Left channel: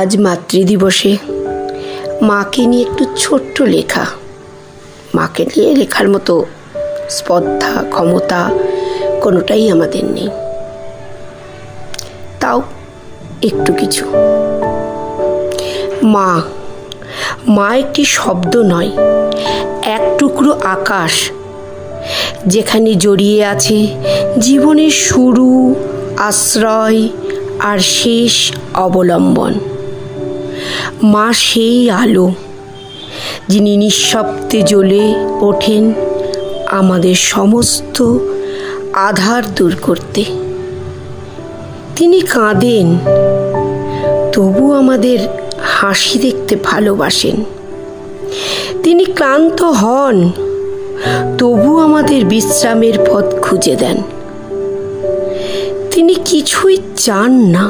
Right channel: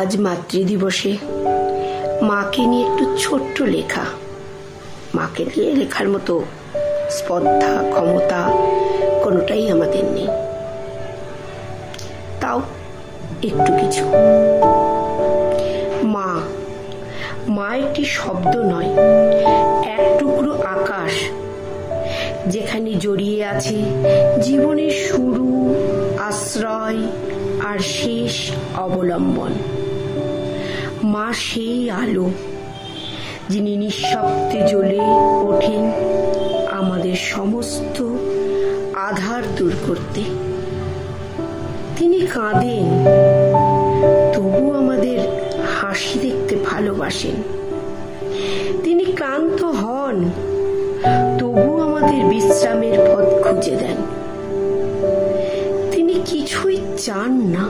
আজ মাতৃদিবসে মাকে নিয়ে একটু ছোট্ট লেখা। মাকে নিয়ে লেখার মতো স্পর্ধা ক্ষমতা কোনোটাই আমাদের নেই, তাও একটু কিছু। মা মা একটি শব্দ নয়, এক টুকরো আকাশ, যেখানে জড়িয়ে আছে জীবনের শুরু, আশ্রয় আর শেষ অবলম্বন। মা সেই আলো যিনি নিঃশব্দে জ্বলে ওঠেন আমাদের সমস্ত আধার দূর করতে। তিনি কাঁদেন, তবু আমাদের হাসি দেখতে ভালোবাসেন। তিনি ক্লান্ত হন, তবু আমাদের বিশ্রামের পথ খুঁজে দেন। তিনি কিছুই চান না,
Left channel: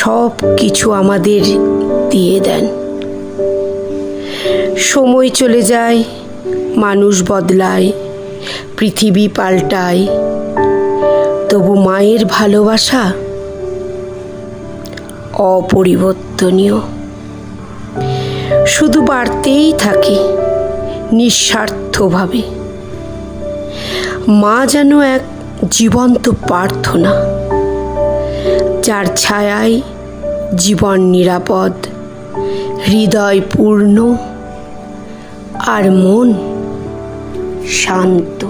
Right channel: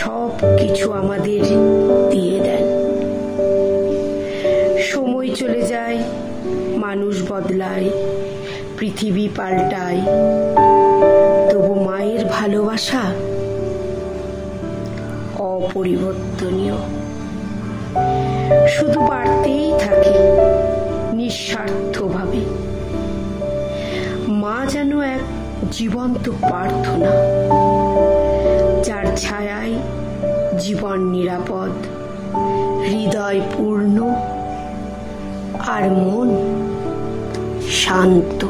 সব কিছু আমাদের দিয়ে দেন। সময় চলে যায়, মানুষ বদলায়, পৃথিবী পাল্টায়, তবু মায়ের ভালোবাসা অপরিবর্তনীয়, শুধু বাড়তেই থাকে নিঃস্বার্থভাবে। মা যেন এক জীবন্ত প্রার্থনা, যার ছায়ায় জীবন নিরাপদ, হৃদয় পূর্ণ আর মন শান্ত।